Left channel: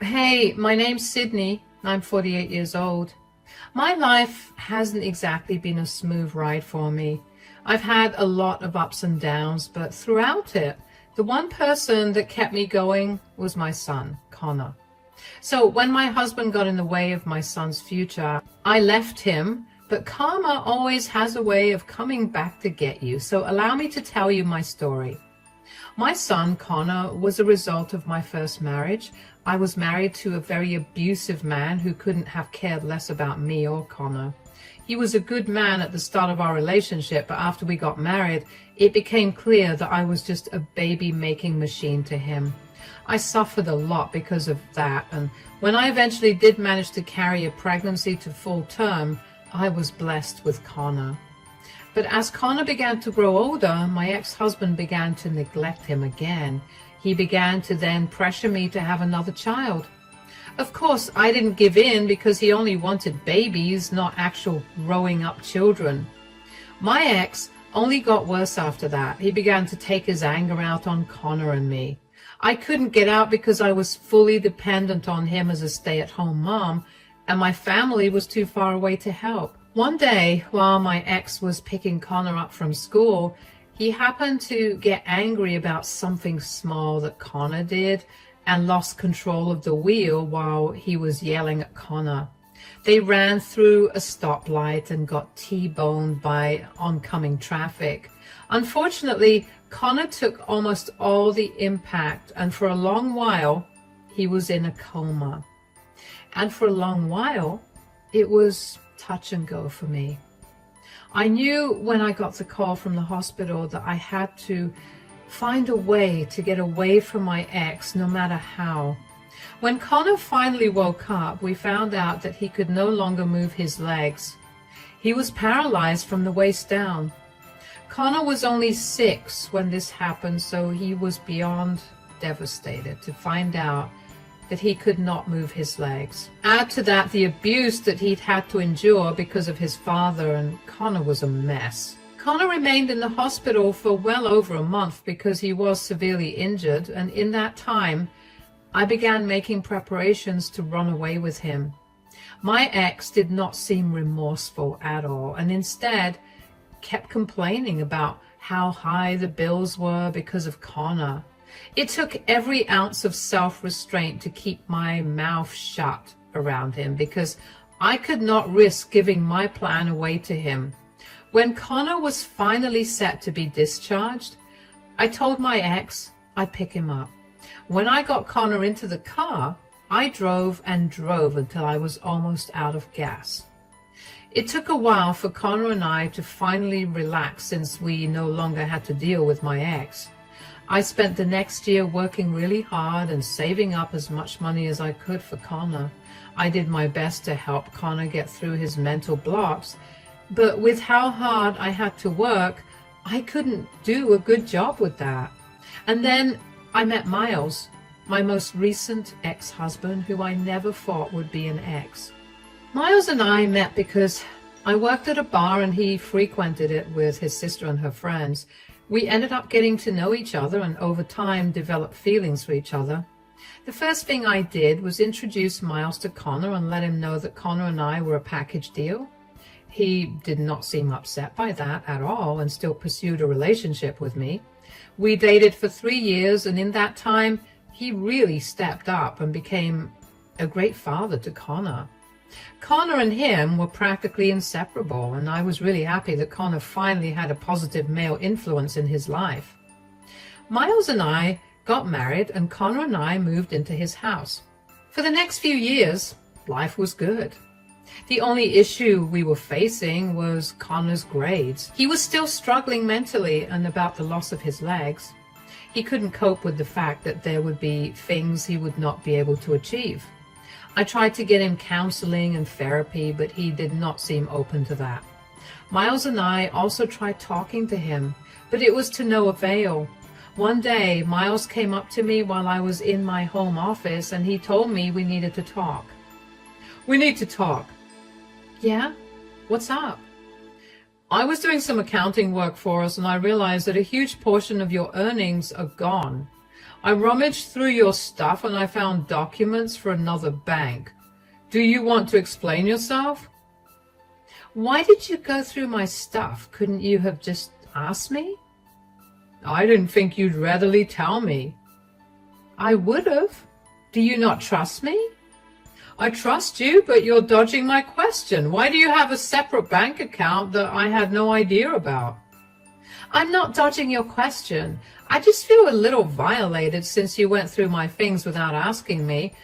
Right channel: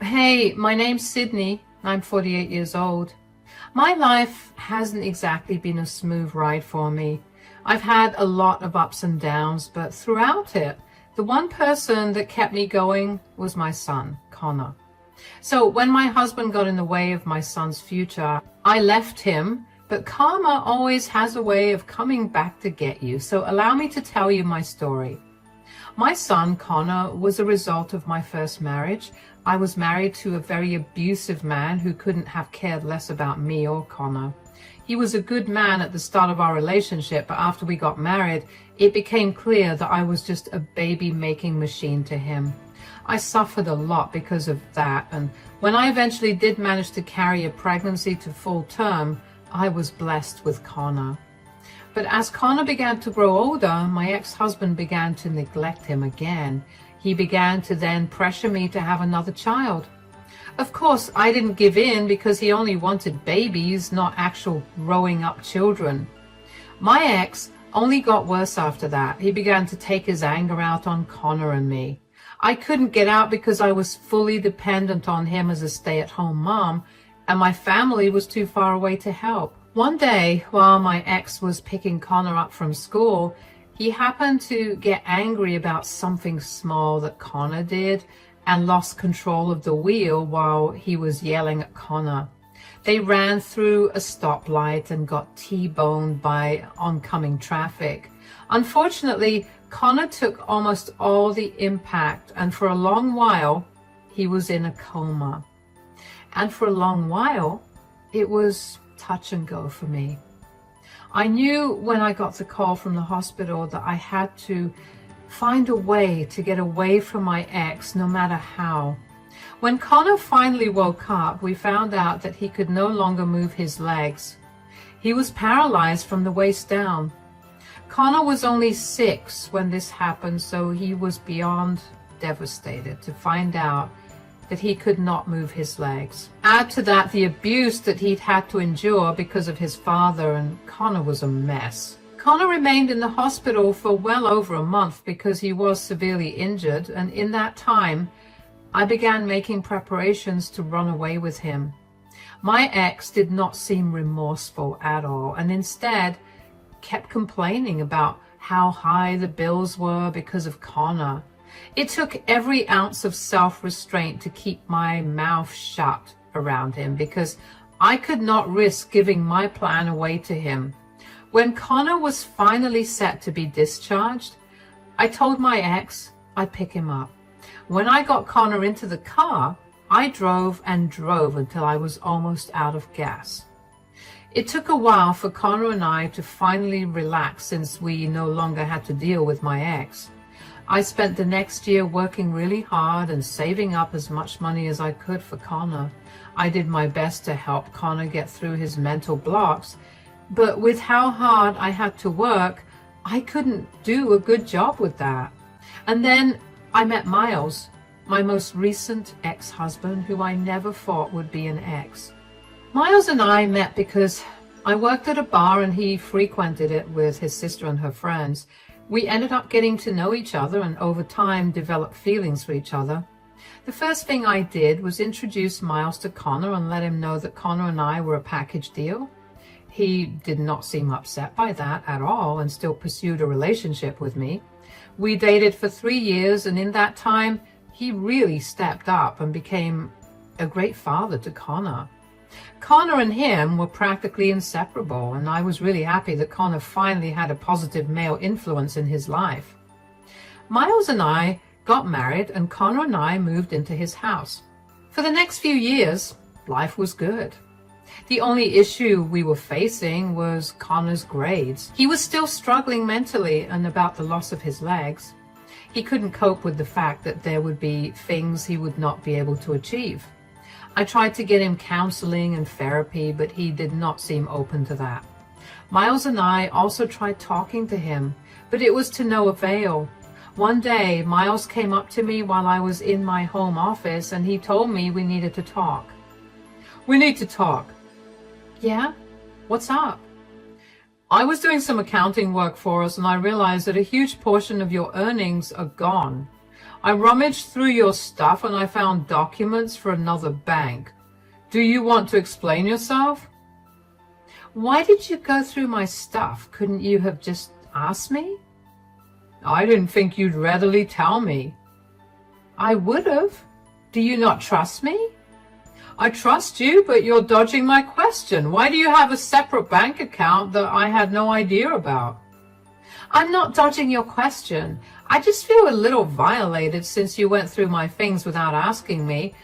Hey, my name's Sydney. I'm 48 years old. My life hasn't exactly been a smooth ride for me. I've had a lot of ups and downs, but throughout it, the one person that kept me going was my son, Connor. So when my husband got in the way of my son's future, I left him, but karma always has a way of coming back to get you. So allow me to tell you my story. My son, Connor, was a result of my first marriage. I was married to a very abusive man who couldn't have cared less about me or Connor. He was a good man at the start of our relationship, but after we got married, it became clear that I was just a baby-making machine to him. I suffered a lot because of that, and when I eventually did manage to carry a pregnancy to full term, I was blessed with Connor. But as Connor began to grow older, my ex-husband began to neglect him again. He began to then pressure me to have another child. Of course, I didn't give in because he only wanted babies, not actual growing up children. My ex only got worse after that. He began to take his anger out on Connor and me. I couldn't get out because I was fully dependent on him as a stay-at-home mom, and my family was too far away to help. One day, while my ex was picking Connor up from school, he happened to get angry about something small that Connor did and lost control of the wheel while he was yelling at Connor. They ran through a stoplight and got T-boned by oncoming traffic. Unfortunately, Connor took almost all the impact, and for a long while, he was in a coma. And for a long while, it was touch and go for me. I knew when I got the call from the hospital that I had to find a way to get away from my ex, no matter how. When Connor finally woke up, we found out that he could no longer move his legs. He was paralyzed from the waist down. Connor was only 6 when this happened, so he was beyond devastated to find out that he could not move his legs. Add to that the abuse that he'd had to endure because of his father, and Connor was a mess. Connor remained in the hospital for well over a month because he was severely injured, and in that time, I began making preparations to run away with him. My ex did not seem remorseful at all, and instead kept complaining about how high the bills were because of Connor. It took every ounce of self-restraint to keep my mouth shut around him because I could not risk giving my plan away to him. When Connor was finally set to be discharged, I told my ex I'd pick him up. When I got Connor into the car, I drove and drove until I was almost out of gas. It took a while for Connor and I to finally relax since we no longer had to deal with my ex. I spent the next year working really hard and saving up as much money as I could for Connor. I did my best to help Connor get through his mental blocks, but with how hard I had to work, I couldn't do a good job with that. And then I met Miles, my most recent ex-husband, who I never thought would be an ex. Miles and I met because I worked at a bar and he frequented it with his sister and her friends. We ended up getting to know each other and over time developed feelings for each other. The first thing I did was introduce Miles to Connor and let him know that Connor and I were a package deal. He did not seem upset by that at all and still pursued a relationship with me. We dated for 3 years, and in that time, he really stepped up and became a great father to Connor. Connor and him were practically inseparable, and I was really happy that Connor finally had a positive male influence in his life. Miles and I got married, and Connor and I moved into his house. For the next few years, life was good. The only issue we were facing was Connor's grades. He was still struggling mentally and about the loss of his legs. He couldn't cope with the fact that there would be things he would not be able to achieve. I tried to get him counseling and therapy, but he did not seem open to that. Miles and I also tried talking to him, but it was to no avail. One day, Miles came up to me while I was in my home office, and he told me we needed to talk. "We need to talk." "Yeah? What's up?" "I was doing some accounting work for us, and I realized that a huge portion of your earnings are gone. I rummaged through your stuff and I found documents for another bank. Do you want to explain yourself? Why did you go through my stuff? Couldn't you have just asked me? I didn't think you'd readily tell me. I would have. Do you not trust me? I trust you, but you're dodging my question. Why do you have a separate bank account that I had no idea about? I'm not dodging your question. I just feel a little violated since you went through my things without asking me.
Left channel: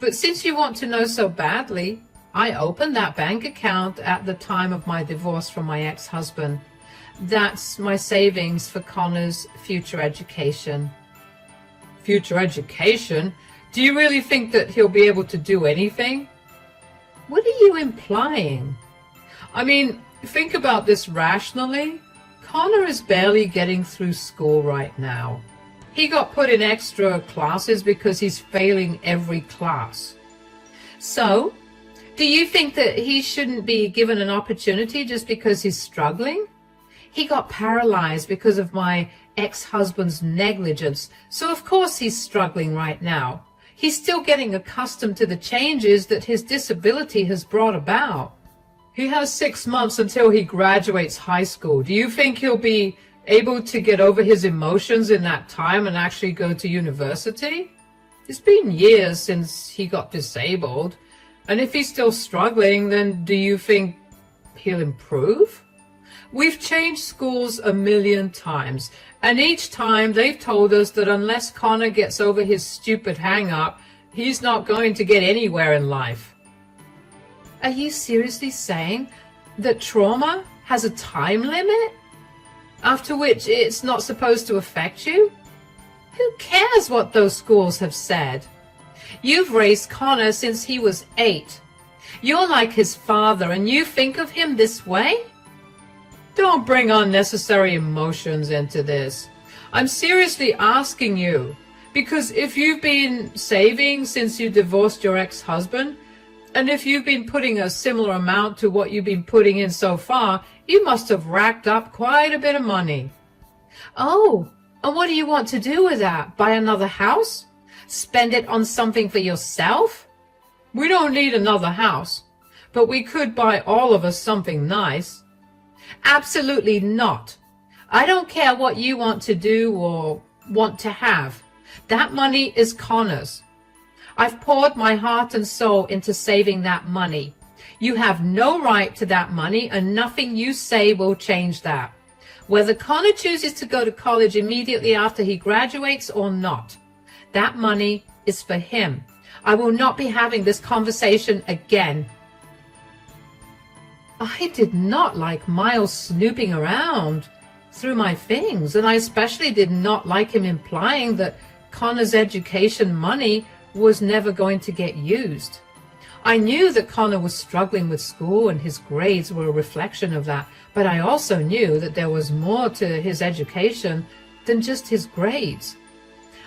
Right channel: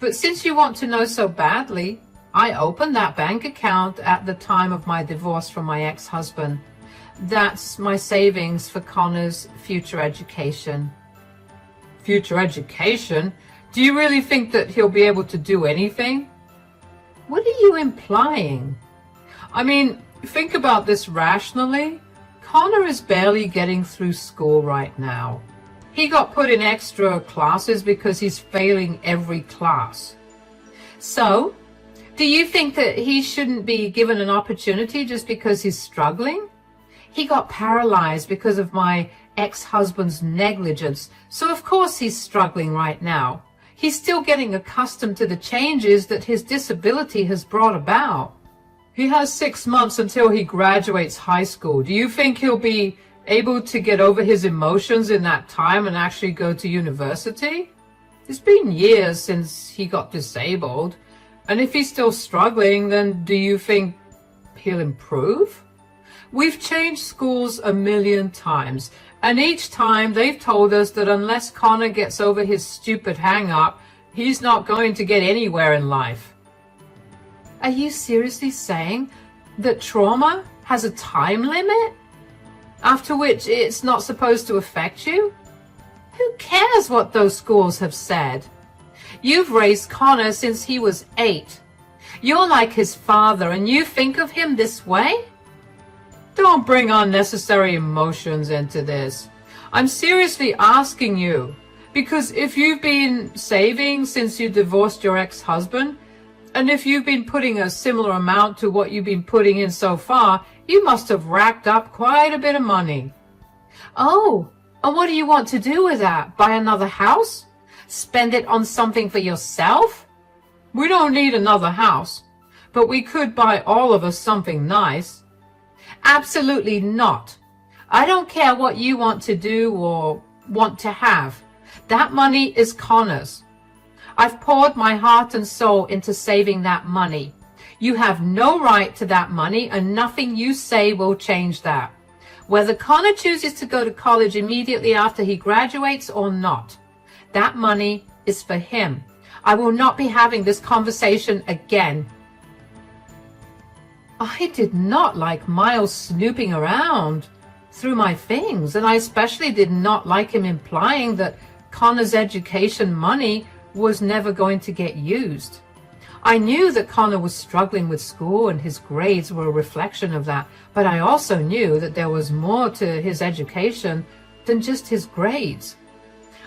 But since you want to know so badly, I opened that bank account at the time of my divorce from my ex-husband. That's my savings for Connor's future education. Future education? Do you really think that he'll be able to do anything? What are you implying? I mean, think about this rationally. Connor is barely getting through school right now. He got put in extra classes because he's failing every class. So, do you think that he shouldn't be given an opportunity just because he's struggling? He got paralyzed because of my ex-husband's negligence, so of course he's struggling right now. He's still getting accustomed to the changes that his disability has brought about. He has 6 months until he graduates high school. Do you think he'll be able to get over his emotions in that time and actually go to university? It's been years since he got disabled. And if he's still struggling, then do you think he'll improve? We've changed schools 1,000,000 times, and each time they've told us that unless Connor gets over his stupid hang-up, he's not going to get anywhere in life. Are you seriously saying that trauma has a time limit? After which it's not supposed to affect you? Who cares what those schools have said? You've raised Connor since he was 8. You're like his father and you think of him this way? Don't bring unnecessary emotions into this. I'm seriously asking you, because if you've been saving since you divorced your ex-husband, and if you've been putting a similar amount to what you've been putting in so far, you must have racked up quite a bit of money. Oh, and what do you want to do with that? Buy another house? Spend it on something for yourself? We don't need another house, but we could buy all of us something nice. Absolutely not. I don't care what you want to do or want to have. That money is Connor's. I've poured my heart and soul into saving that money. You have no right to that money, and nothing you say will change that. Whether Connor chooses to go to college immediately after he graduates or not, that money is for him. I will not be having this conversation again. I did not like Miles snooping around through my things, and I especially did not like him implying that Connor's education money was never going to get used. I knew that Connor was struggling with school and his grades were a reflection of that, but I also knew that there was more to his education than just his grades.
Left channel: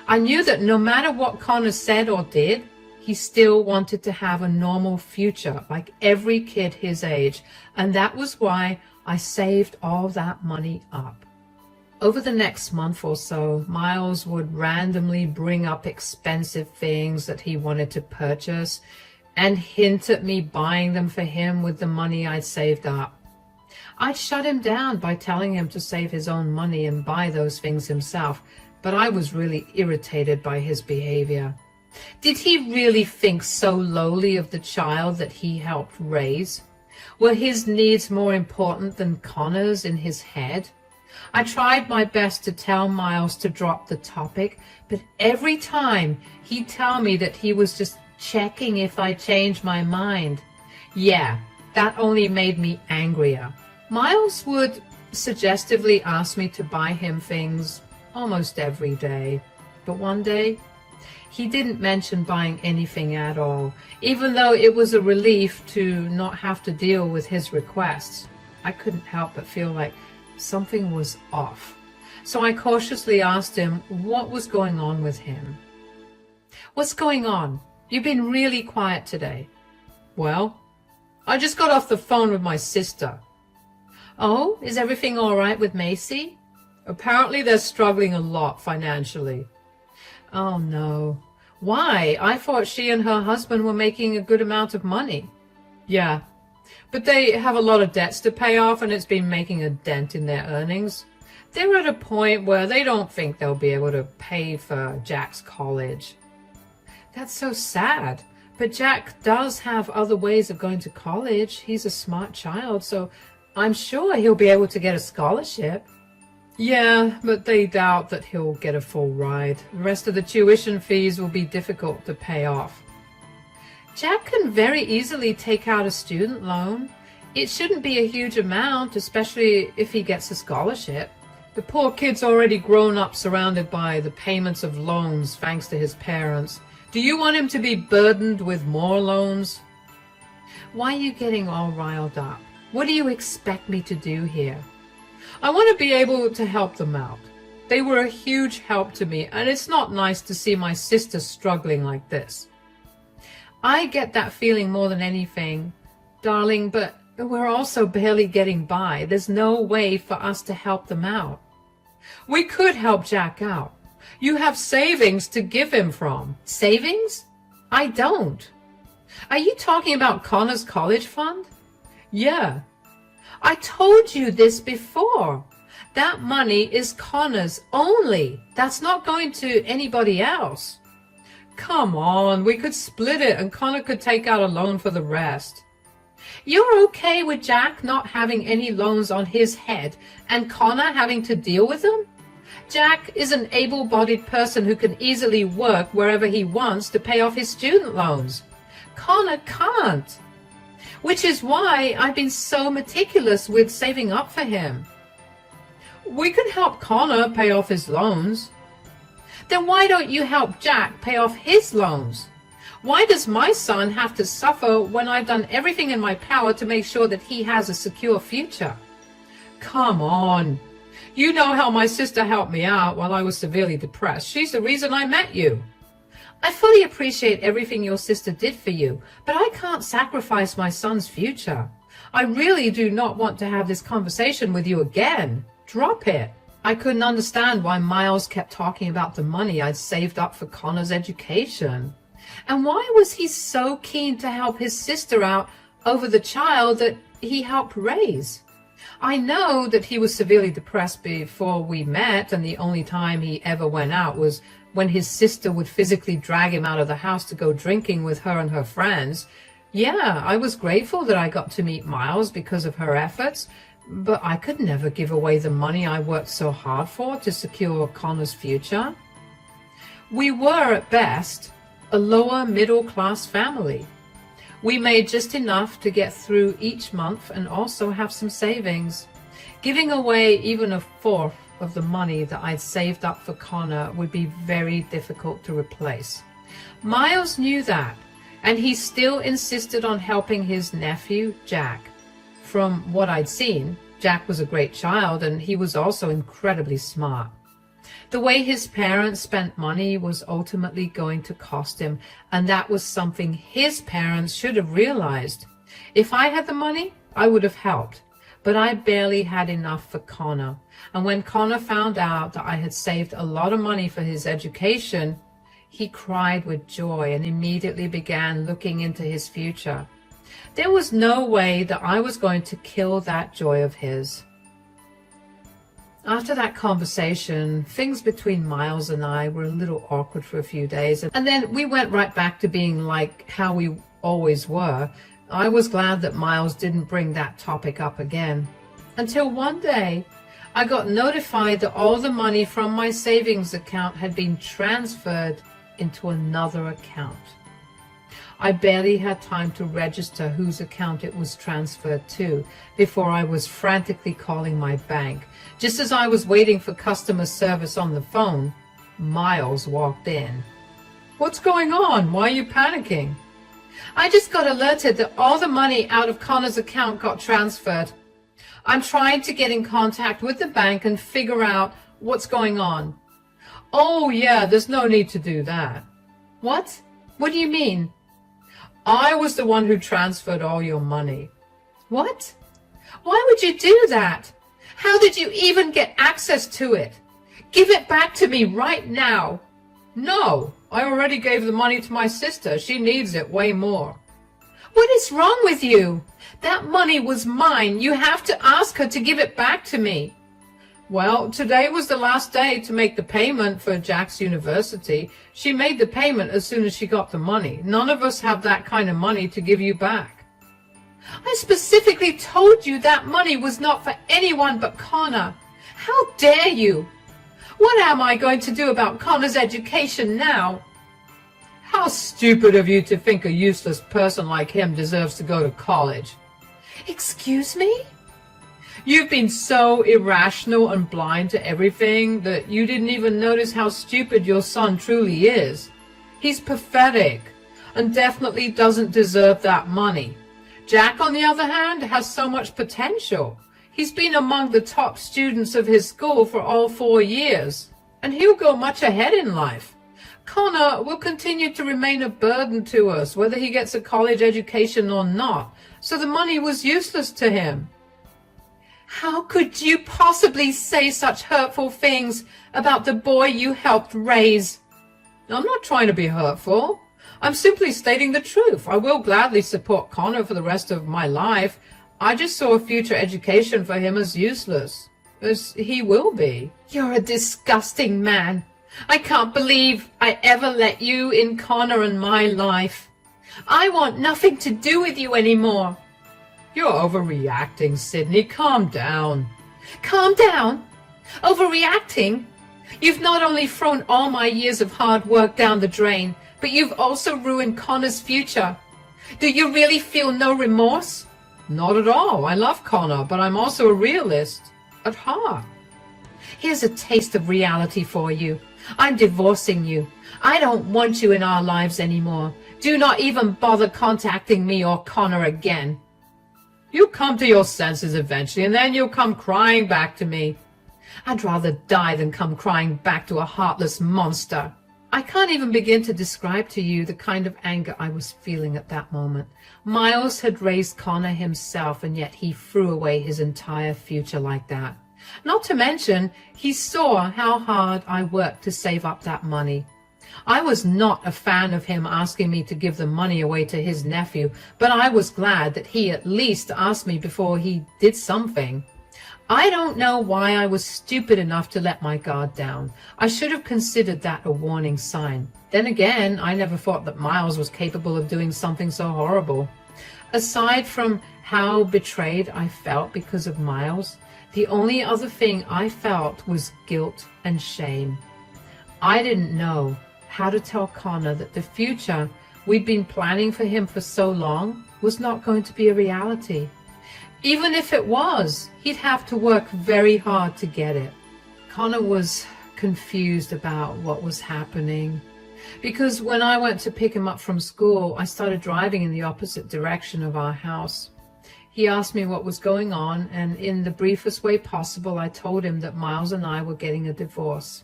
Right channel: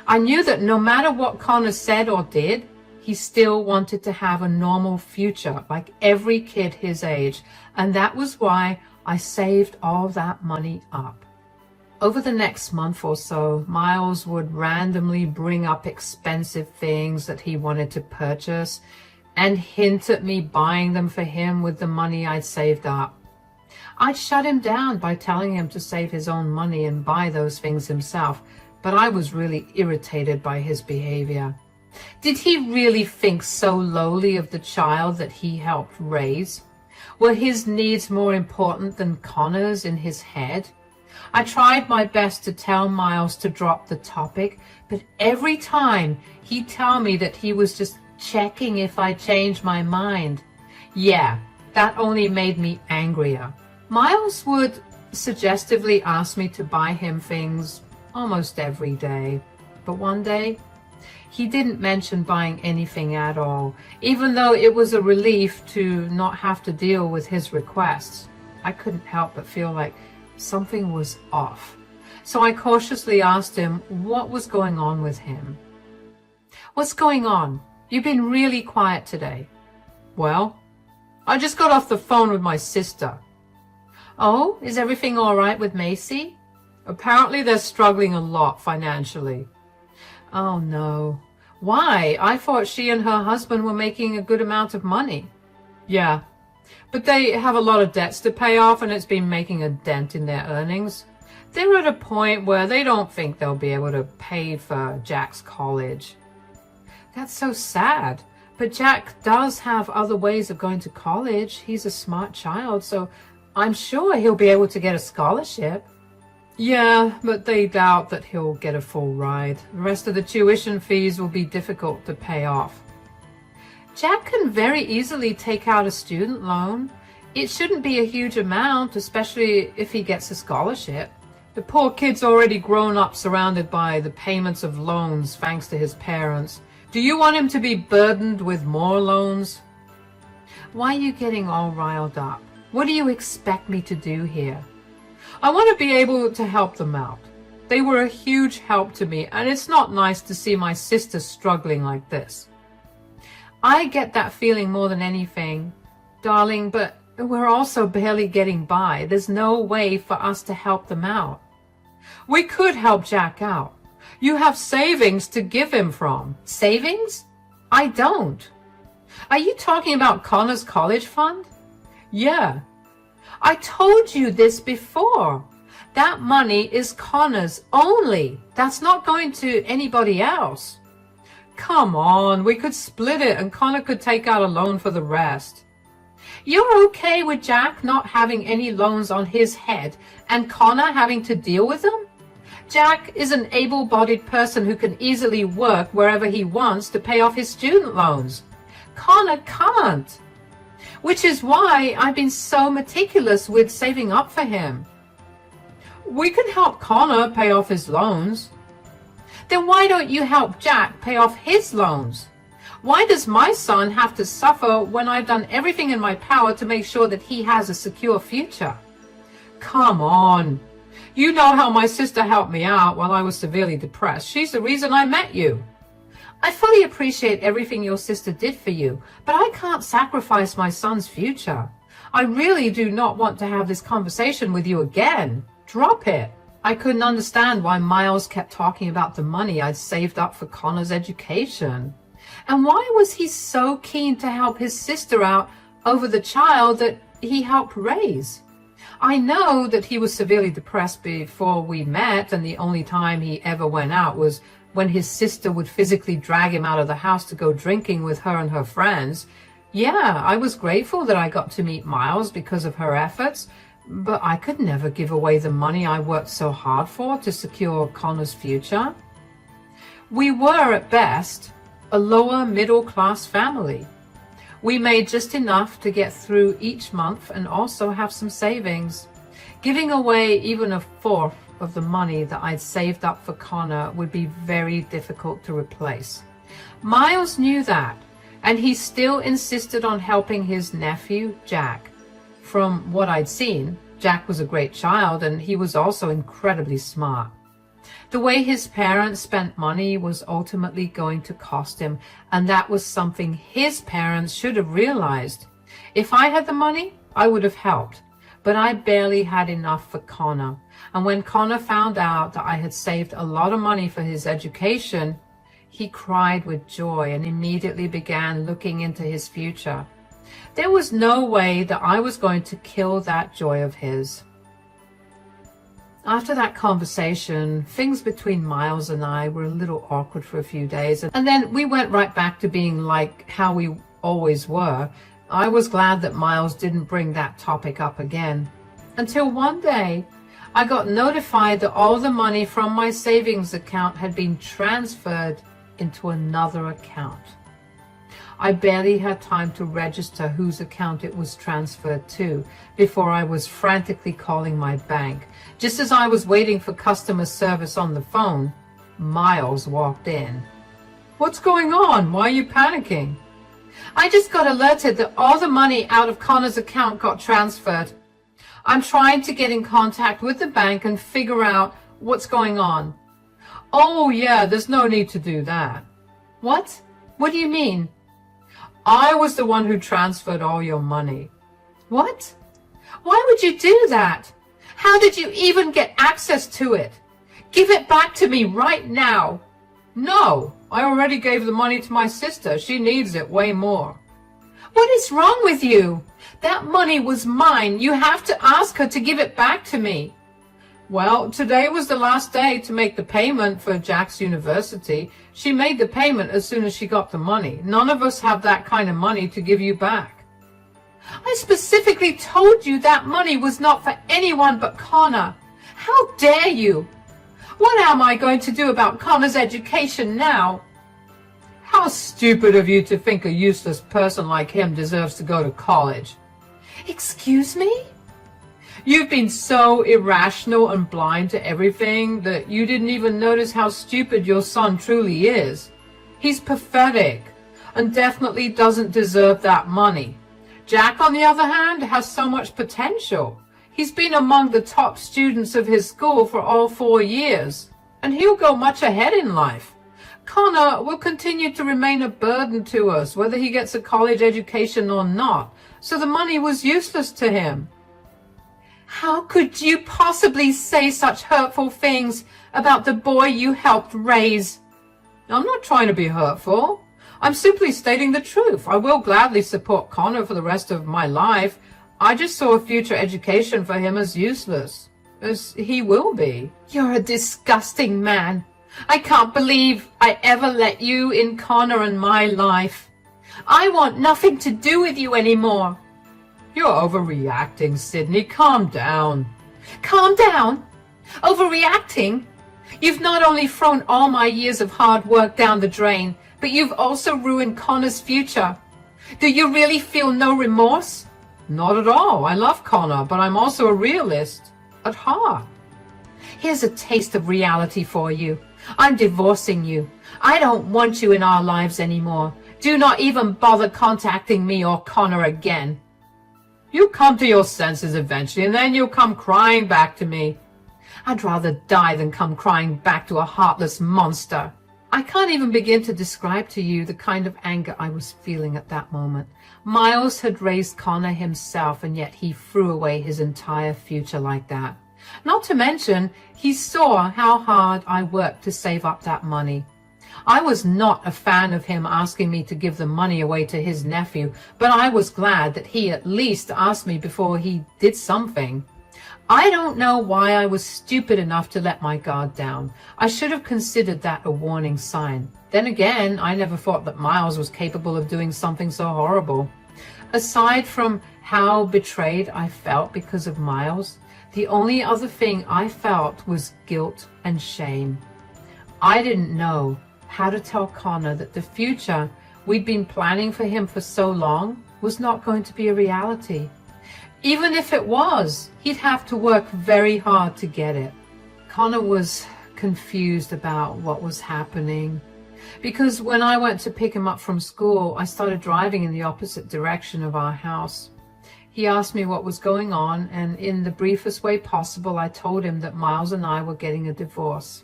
I knew that no matter what Connor said or did, he still wanted to have a normal future like every kid his age, and that was why I saved all that money up. Over the next month or so, Miles would randomly bring up expensive things that he wanted to purchase and hint at me buying them for him with the money I'd saved up. I'd shut him down by telling him to save his own money and buy those things himself, but I was really irritated by his behavior. Did he really think so lowly of the child that he helped raise? Were his needs more important than Connor's in his head? I tried my best to tell Miles to drop the topic, but every time he'd tell me that he was just checking if I changed my mind. Yeah, that only made me angrier. Miles would suggestively ask me to buy him things almost every day, but one day he didn't mention buying anything at all, even though it was a relief to not have to deal with his requests. I couldn't help but feel like something was off. So I cautiously asked him what was going on with him. What's going on? You've been really quiet today. Well, I just got off the phone with my sister. Oh, is everything all right with Macy? Apparently they're struggling a lot financially. Oh no. Why? I thought she and her husband were making a good amount of money. Yeah, but they have a lot of debts to pay off and it's been making a dent in their earnings. They're at a point where they don't think they'll be able to pay for Jack's college. That's so sad. But Jack does have other ways of going to college. He's a smart child, so I'm sure he'll be able to get a scholarship. Yeah, but they doubt that he'll get a full ride. The rest of the tuition fees will be difficult to pay off. Jack can very easily take out a student loan. It shouldn't be a huge amount, especially if he gets a scholarship. The poor kid's already grown up surrounded by the payments of loans thanks to his parents. Do you want him to be burdened with more loans? Why are you getting all riled up? What do you expect me to do here? I want to be able to help them out. They were a huge help to me, and it's not nice to see my sister struggling like this. I get that feeling more than anything, darling, but we're also barely getting by. There's no way for us to help them out. We could help Jack out. You have savings to give him from. Savings? I don't. Are you talking about Connor's college fund? Yeah. I told you this before. That money is Connor's only. That's not going to anybody else. Come on, we could split it and Connor could take out a loan for the rest. You're okay with Jack not having any loans on his head and Connor having to deal with them? Jack is an able-bodied person who can easily work wherever he wants to pay off his student loans. Connor can't. Which is why I've been so meticulous with saving up for him. We can help Connor pay off his loans. Then why don't you help Jack pay off his loans? Why does my son have to suffer when I've done everything in my power to make sure that he has a secure future? Come on. You know how my sister helped me out while I was severely depressed. She's the reason I met you. I fully appreciate everything your sister did for you, but I can't sacrifice my son's future. I really do not want to have this conversation with you again. Drop it. I couldn't understand why Miles kept talking about the money I'd saved up for Connor's education. And why was he so keen to help his sister out over the child that he helped raise? I know that he was severely depressed before we met, and the only time he ever went out was when his sister would physically drag him out of the house to go drinking with her and her friends. Yeah, I was grateful that I got to meet Miles because of her efforts, but I could never give away the money I worked so hard for to secure Connor's future. We were, at best, a lower middle-class family. We made just enough to get through each month and also have some savings. Giving away even a fourth of the money that I'd saved up for Connor would be very difficult to replace. Miles knew that, and he still insisted on helping his nephew, Jack. From what I'd seen, Jack was a great child, and he was also incredibly smart. The way his parents spent money was ultimately going to cost him, and that was something his parents should have realized. If I had the money, I would have helped, but I barely had enough for Connor. And when Connor found out that I had saved a lot of money for his education, he cried with joy and immediately began looking into his future. There was no way that I was going to kill that joy of his. After that conversation, things between Miles and I were a little awkward for a few days, and then we went right back to being like how we always were. I was glad that Miles didn't bring that topic up again. Until one day, I got notified that all the money from my savings account had been transferred into another account. I barely had time to register whose account it was transferred to before I was frantically calling my bank. Just as I was waiting for customer service on the phone, Miles walked in. What's going on? Why are you panicking? I just got alerted that all the money out of Connor's account got transferred. I'm trying to get in contact with the bank and figure out what's going on. Oh yeah, there's no need to do that. What? What do you mean? I was the one who transferred all your money. What? Why would you do that? How did you even get access to it? Give it back to me right now. No, I already gave the money to my sister. She needs it way more. What is wrong with you? That money was mine. You have to ask her to give it back to me. Well, today was the last day to make the payment for Jack's university. She made the payment as soon as she got the money. None of us have that kind of money to give you back. I specifically told you that money was not for anyone but Connor. How dare you? What am I going to do about Connor's education now? How stupid of you to think a useless person like him deserves to go to college. Excuse me? You've been so irrational and blind to everything that you didn't even notice how stupid your son truly is. He's pathetic and definitely doesn't deserve that money. Jack, on the other hand, has so much potential. He's been among the top students of his school for all 4 years, and he'll go much ahead in life. Connor will continue to remain a burden to us, whether he gets a college education or not, so the money was useless to him. How could you possibly say such hurtful things about the boy you helped raise? I'm not trying to be hurtful. I'm simply stating the truth. I will gladly support Connor for the rest of my life. I just saw a future education for him as useless, as he will be. You're a disgusting man. I can't believe I ever let you in Connor and my life. I want nothing to do with you anymore. You're overreacting, Sydney. Calm down. Calm down? Overreacting? You've not only thrown all my years of hard work down the drain, but you've also ruined Connor's future. Do you really feel no remorse? Not at all. I love Connor, but I'm also a realist at heart. Here's a taste of reality for you. I'm divorcing you. I don't want you in our lives anymore. Do not even bother contacting me or Connor again. You'll come to your senses eventually, and then you'll come crying back to me. I'd rather die than come crying back to a heartless monster. I can't even begin to describe to you the kind of anger I was feeling at that moment. Miles had raised Connor himself, and yet he threw away his entire future like that. Not to mention, he saw how hard I worked to save up that money. I was not a fan of him asking me to give the money away to his nephew, but I was glad that he at least asked me before he did something. I don't know why I was stupid enough to let my guard down. I should have considered that a warning sign. Then again, I never thought that Miles was capable of doing something so horrible. Aside from how betrayed I felt because of Miles, the only other thing I felt was guilt and shame. I didn't know how to tell Connor that the future we'd been planning for him for so long was not going to be a reality. Even if it was, he'd have to work very hard to get it. Connor was confused about what was happening, because when I went to pick him up from school, I started driving in the opposite direction of our house. He asked me what was going on, and in the briefest way possible, I told him that Miles and I were getting a divorce.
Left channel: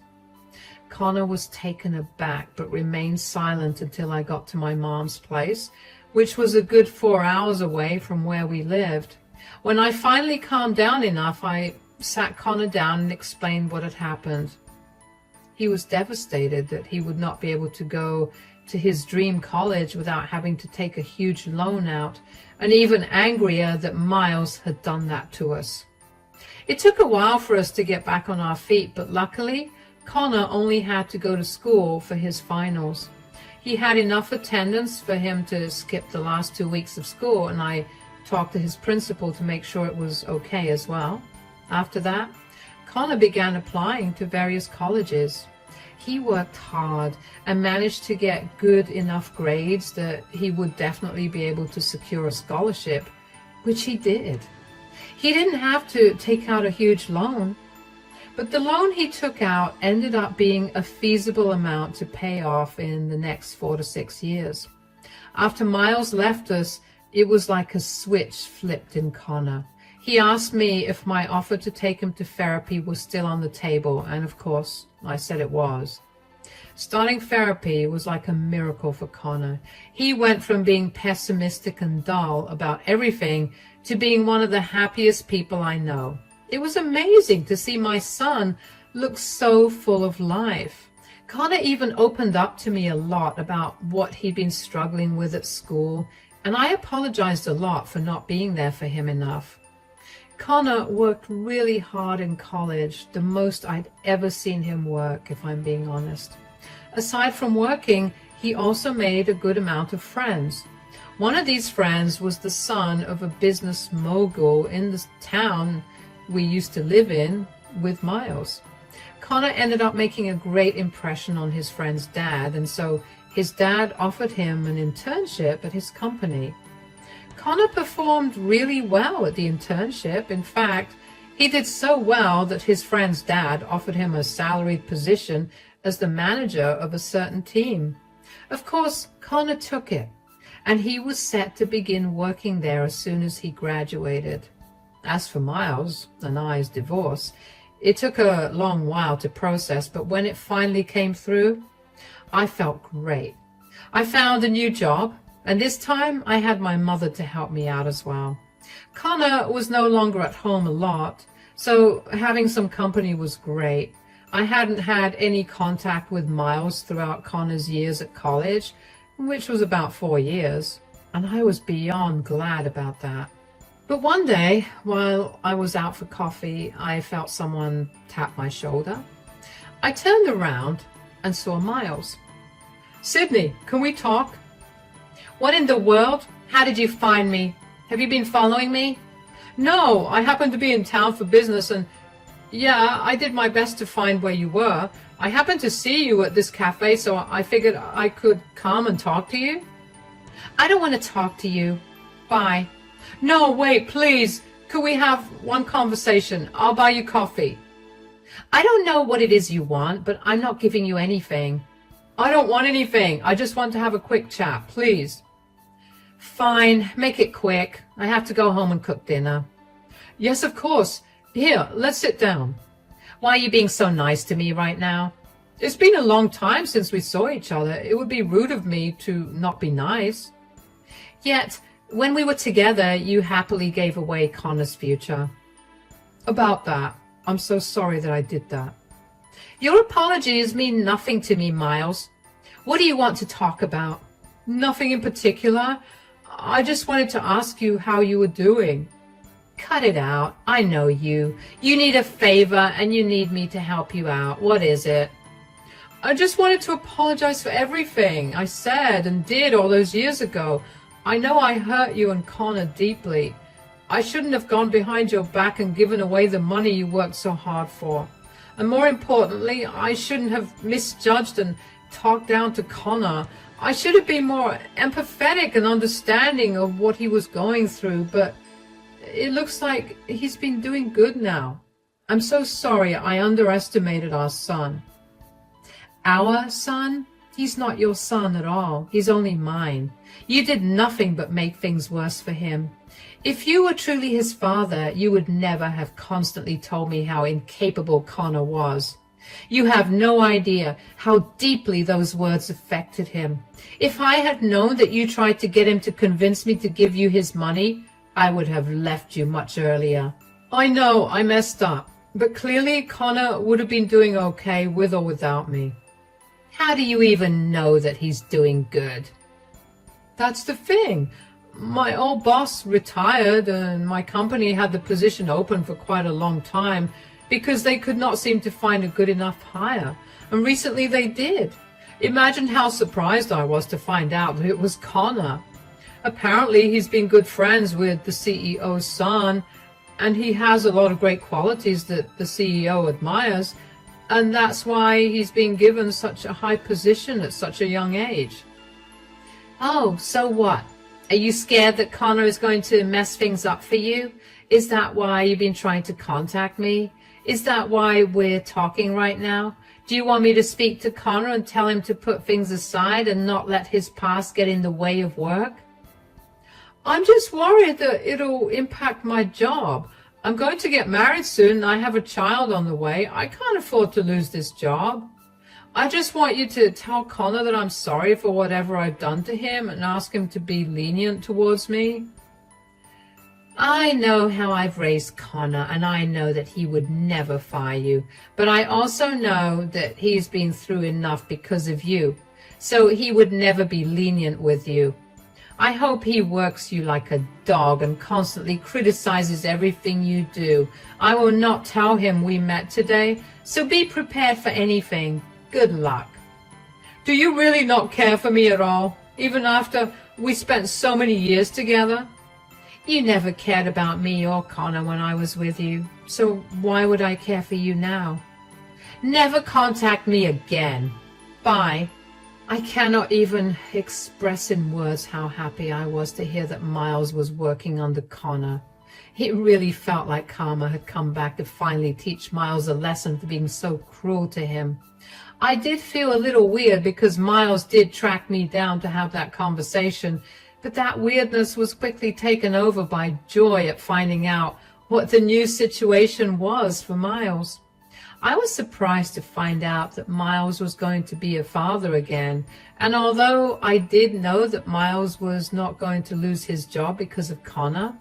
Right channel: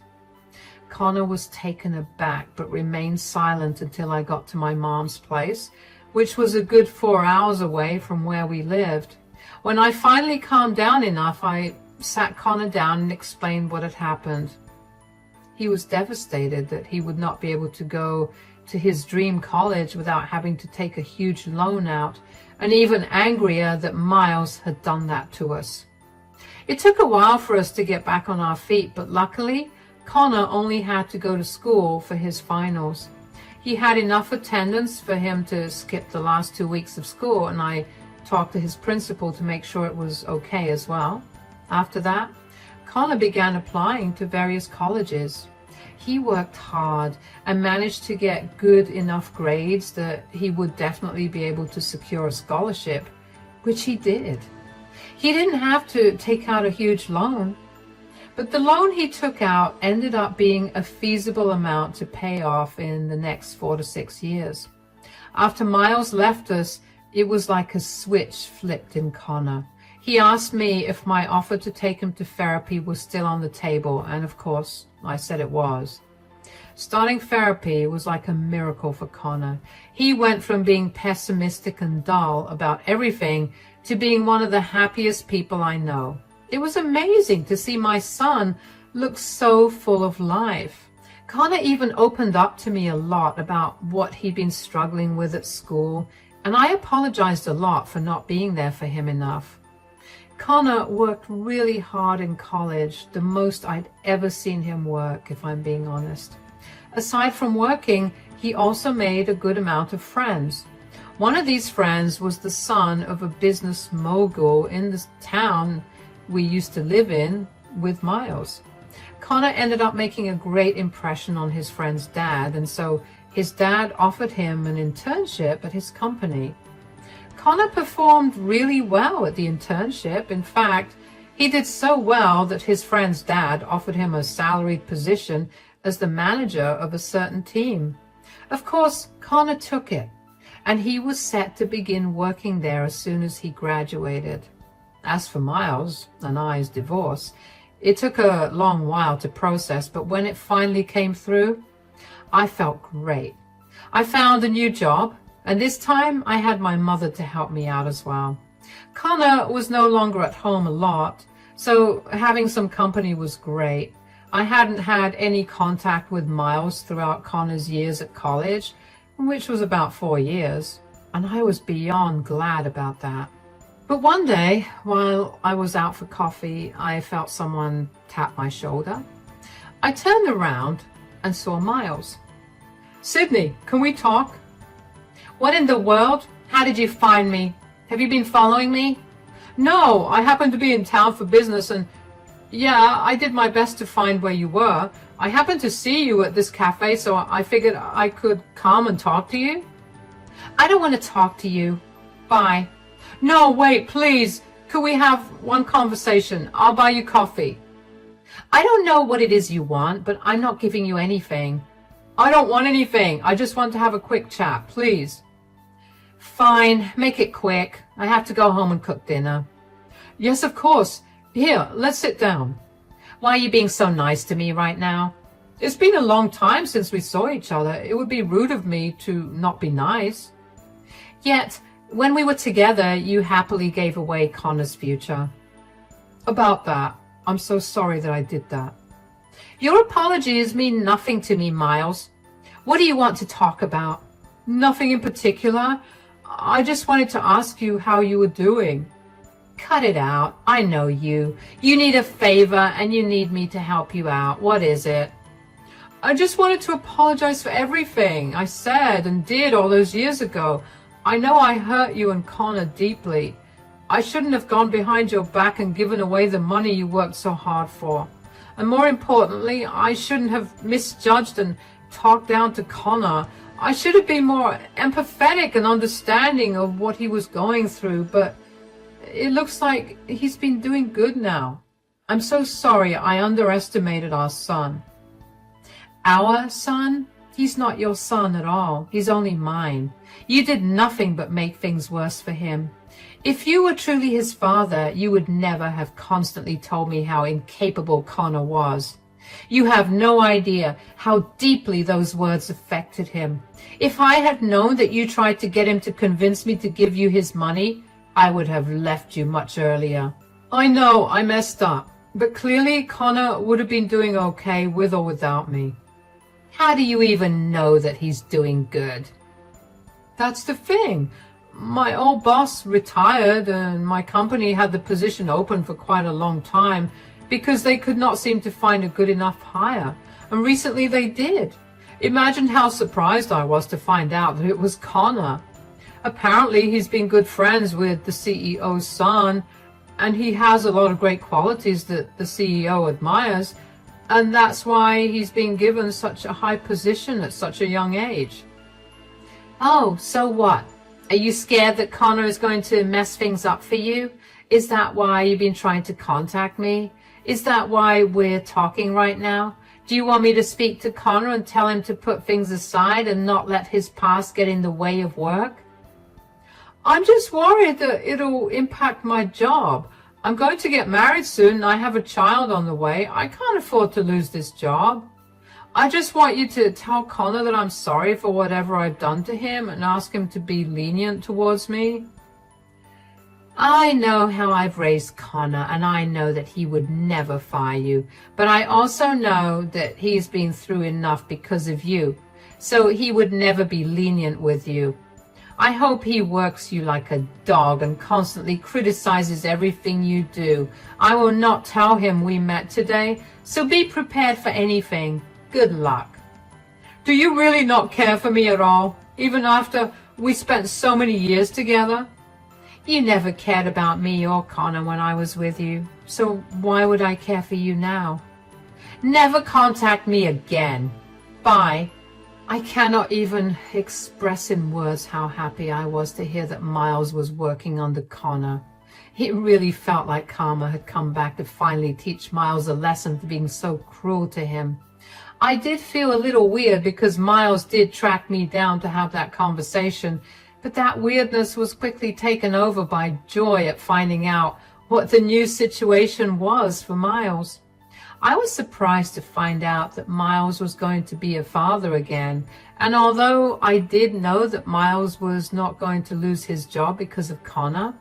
Connor was taken aback, but remained silent until I got to my mom's place, which was a good 4 hours away from where we lived. When I finally calmed down enough, I sat Connor down and explained what had happened. He was devastated that he would not be able to go to his dream college without having to take a huge loan out, and even angrier that Miles had done that to us. It took a while for us to get back on our feet, but luckily, Connor only had to go to school for his finals. He had enough attendance for him to skip the last 2 weeks of school, and I talked to his principal to make sure it was okay as well. After that, Connor began applying to various colleges. He worked hard and managed to get good enough grades that he would definitely be able to secure a scholarship, which he did. He didn't have to take out a huge loan, but the loan he took out ended up being a feasible amount to pay off in the next 4 to 6 years. After Miles left us, it was like a switch flipped in Connor. He asked me if my offer to take him to therapy was still on the table, and of course, I said it was. Starting therapy was like a miracle for Connor. He went from being pessimistic and dull about everything to being one of the happiest people I know. It was amazing to see my son look so full of life. Connor even opened up to me a lot about what he'd been struggling with at school, and I apologized a lot for not being there for him enough. Connor worked really hard in college, the most I'd ever seen him work, if I'm being honest. Aside from working, he also made a good amount of friends. One of these friends was the son of a business mogul in the town we used to live in with Miles. Connor ended up making a great impression on his friend's dad, and so his dad offered him an internship at his company. Connor performed really well at the internship. In fact, he did so well that his friend's dad offered him a salaried position as the manager of a certain team. Of course, Connor took it, and he was set to begin working there as soon as he graduated. As for Miles and I's divorce, it took a long while to process, but when it finally came through, I felt great. I found a new job, and this time I had my mother to help me out as well. Connor was no longer at home a lot, so having some company was great. I hadn't had any contact with Miles throughout Connor's years at college, which was about 4 years, and I was beyond glad about that. But one day, while I was out for coffee, I felt someone tap my shoulder. I turned around and saw Miles. "Sydney, can we talk?" "What in the world? How did you find me? Have you been following me?" "No, I happened to be in town for business, and yeah, I did my best to find where you were. I happened to see you at this cafe, so I figured I could come and talk to you." "I don't want to talk to you. Bye." "No, wait, please. Could we have one conversation? I'll buy you coffee." "I don't know what it is you want, but I'm not giving you anything." "I don't want anything. I just want to have a quick chat, please." "Fine, make it quick. I have to go home and cook dinner." "Yes, of course. Here, let's sit down." "Why are you being so nice to me right now?" "It's been a long time since we saw each other. It would be rude of me to not be nice." "Yet, when we were together, you happily gave away Connor's future." "About that, I'm so sorry that I did that." "Your apologies mean nothing to me, Miles. What do you want to talk about?" "Nothing in particular. I just wanted to ask you how you were doing." "Cut it out. I know you. You need a favor and you need me to help you out. What is it?" "I just wanted to apologize for everything I said and did all those years ago. I know I hurt you and Connor deeply. I shouldn't have gone behind your back and given away the money you worked so hard for. And more importantly, I shouldn't have misjudged and talked down to Connor. I should have been more empathetic and understanding of what he was going through, but it looks like he's been doing good now. I'm so sorry I underestimated our son." "Our son? He's not your son at all. He's only mine. You did nothing but make things worse for him. If you were truly his father, you would never have constantly told me how incapable Connor was. You have no idea how deeply those words affected him. If I had known that you tried to get him to convince me to give you his money, I would have left you much earlier. I know I messed up, but clearly Connor would have been doing okay with or without me." "How do you even know that he's doing good?" "That's the thing. My old boss retired and my company had the position open for quite a long time because they could not seem to find a good enough hire. And recently they did. Imagine how surprised I was to find out that it was Connor. Apparently he's been good friends with the CEO's son, and he has a lot of great qualities that the CEO admires, and that's why he's been given such a high position at such a young age." "Oh, so what? Are you scared that Connor is going to mess things up for you? Is that why you've been trying to contact me? Is that why we're talking right now? Do you want me to speak to Connor and tell him to put things aside and not let his past get in the way of work?" "I'm just worried that it'll impact my job. I'm going to get married soon and I have a child on the way. I can't afford to lose this job. I just want you to tell Connor that I'm sorry for whatever I've done to him and ask him to be lenient towards me." I know how I've raised Connor, and I know that he would never fire you, but I also know that he's been through enough because of you, so he would never be lenient with you. I hope he works you like a dog and constantly criticizes everything you do. I will not tell him we met today, so be prepared for anything. Good luck. Do you really not care for me at all, even after we spent so many years together? You never cared about me or Connor when I was with you, so why would I care for you now? Never contact me again. Bye. I cannot even express in words how happy I was to hear that Miles was working under Connor. It really felt like karma had come back to finally teach Miles a lesson for being so cruel to him. I did feel a little weird because Miles did track me down to have that conversation, but that weirdness was quickly taken over by joy at finding out what the new situation was for Miles. I was surprised to find out that Miles was going to be a father again, and although I did know that Miles was not going to lose his job because of Connor,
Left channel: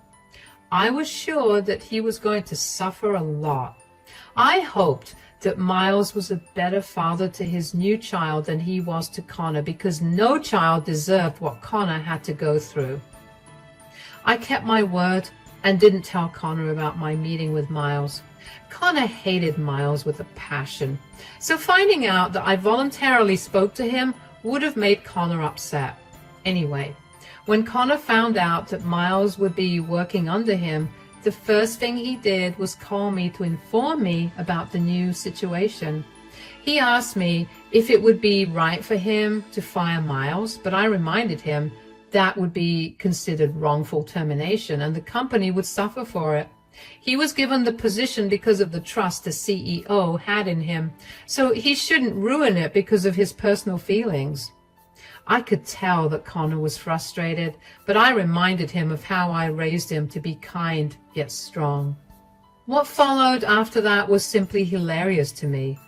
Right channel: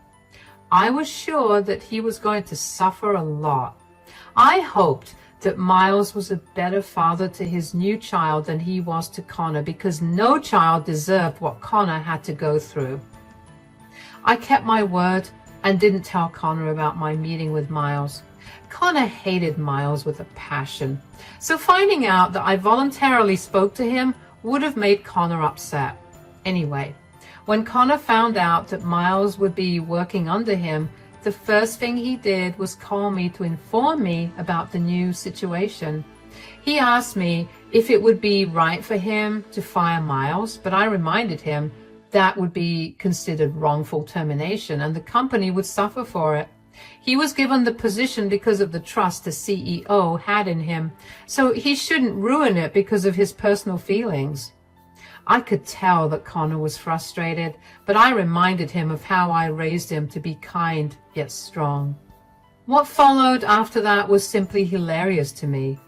I was sure that he was going to suffer a lot. I hoped that Miles was a better father to his new child than he was to Connor, because no child deserved what Connor had to go through. I kept my word and didn't tell Connor about my meeting with Miles. Connor hated Miles with a passion, so finding out that I voluntarily spoke to him would have made Connor upset. Anyway, when Connor found out that Miles would be working under him, the first thing he did was call me to inform me about the new situation. He asked me if it would be right for him to fire Miles, but I reminded him that would be considered wrongful termination and the company would suffer for it. He was given the position because of the trust the CEO had in him, so he shouldn't ruin it because of his personal feelings. I could tell that Connor was frustrated, but I reminded him of how I raised him to be kind yet strong. What followed after that was simply hilarious to me.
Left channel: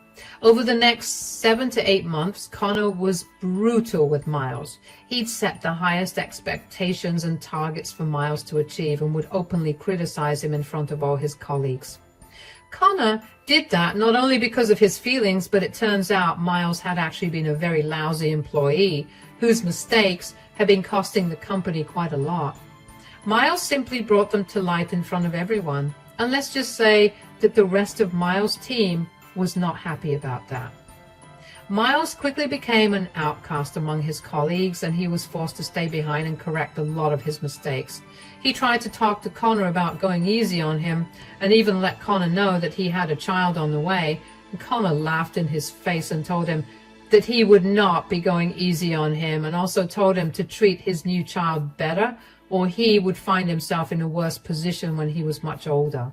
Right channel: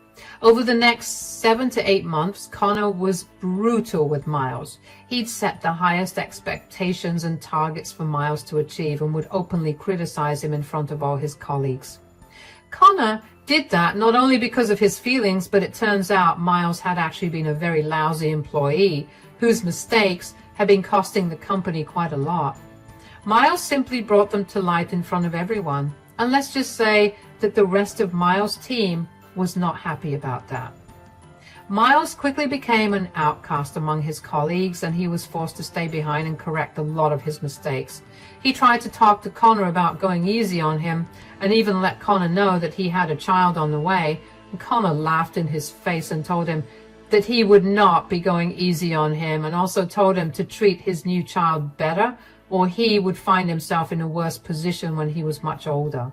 Over the next 7 to 8 months, Connor was brutal with Miles. He'd set the highest expectations and targets for Miles to achieve and would openly criticize him in front of all his colleagues. Connor did that not only because of his feelings, but it turns out Miles had actually been a very lousy employee whose mistakes had been costing the company quite a lot. Miles simply brought them to light in front of everyone, and let's just say that the rest of Miles' team was not happy about that. Miles quickly became an outcast among his colleagues, and he was forced to stay behind and correct a lot of his mistakes. He tried to talk to Connor about going easy on him, and even let Connor know that he had a child on the way, and Connor laughed in his face and told him that he would not be going easy on him, and also told him to treat his new child better, or he would find himself in a worse position when he was much older.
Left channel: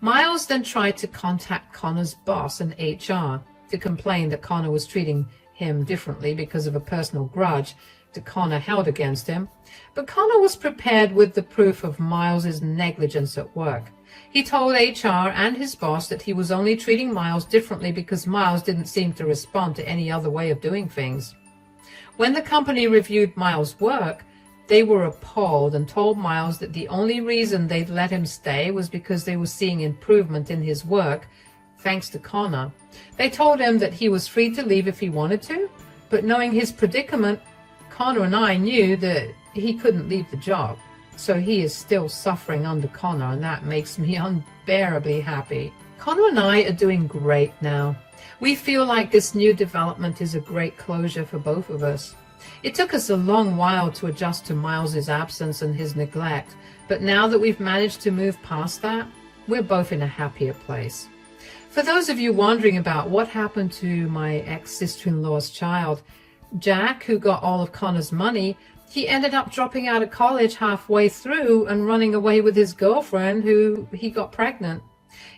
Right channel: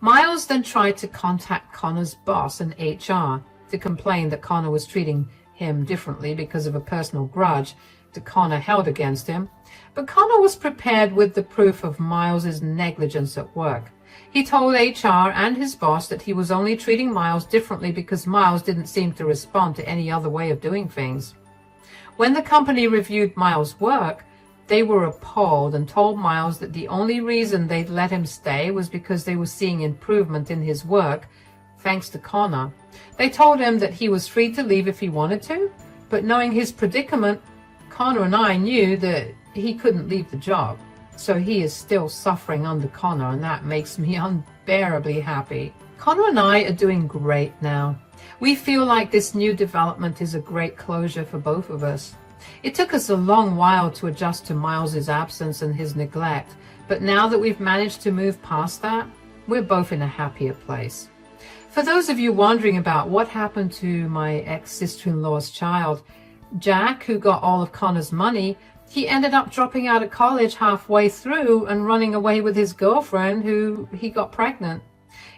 Miles then tried to contact Connor's boss in HR to complain that Connor was treating him differently because of a personal grudge that Connor held against him, but Connor was prepared with the proof of Miles's negligence at work. He told HR and his boss that he was only treating Miles differently because Miles didn't seem to respond to any other way of doing things. When the company reviewed Miles' work, they were appalled and told Miles that the only reason they'd let him stay was because they were seeing improvement in his work, thanks to Connor. They told him that he was free to leave if he wanted to, but knowing his predicament, Connor and I knew that he couldn't leave the job. So he is still suffering under Connor, and that makes me unbearably happy. Connor and I are doing great now. We feel like this new development is a great closure for both of us. It took us a long while to adjust to Miles's absence and his neglect, but now that we've managed to move past that, we're both in a happier place. For those of you wondering about what happened to my ex-sister-in-law's child, Jack, who got all of Connor's money, he ended up dropping out of college halfway through and running away with his girlfriend, who he got pregnant.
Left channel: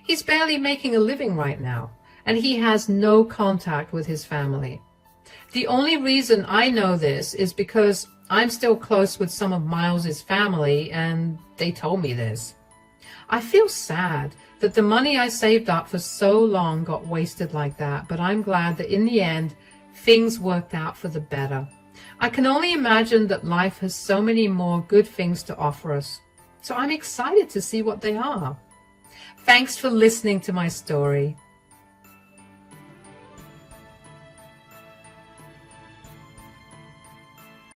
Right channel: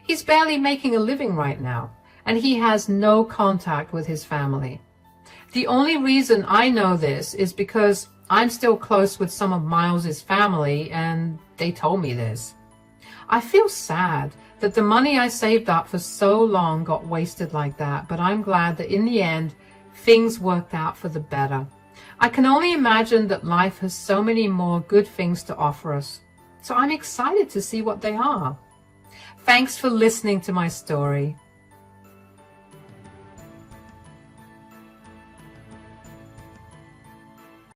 He's barely making a living right now, and he has no contact with his family. The only reason I know this is because I'm still close with some of Miles's family, and they told me this. I feel sad that the money I saved up for so long got wasted like that, but I'm glad that in the end, things worked out for the better. I can only imagine that life has so many more good things to offer us. So I'm excited to see what they are. Thanks for listening to my story.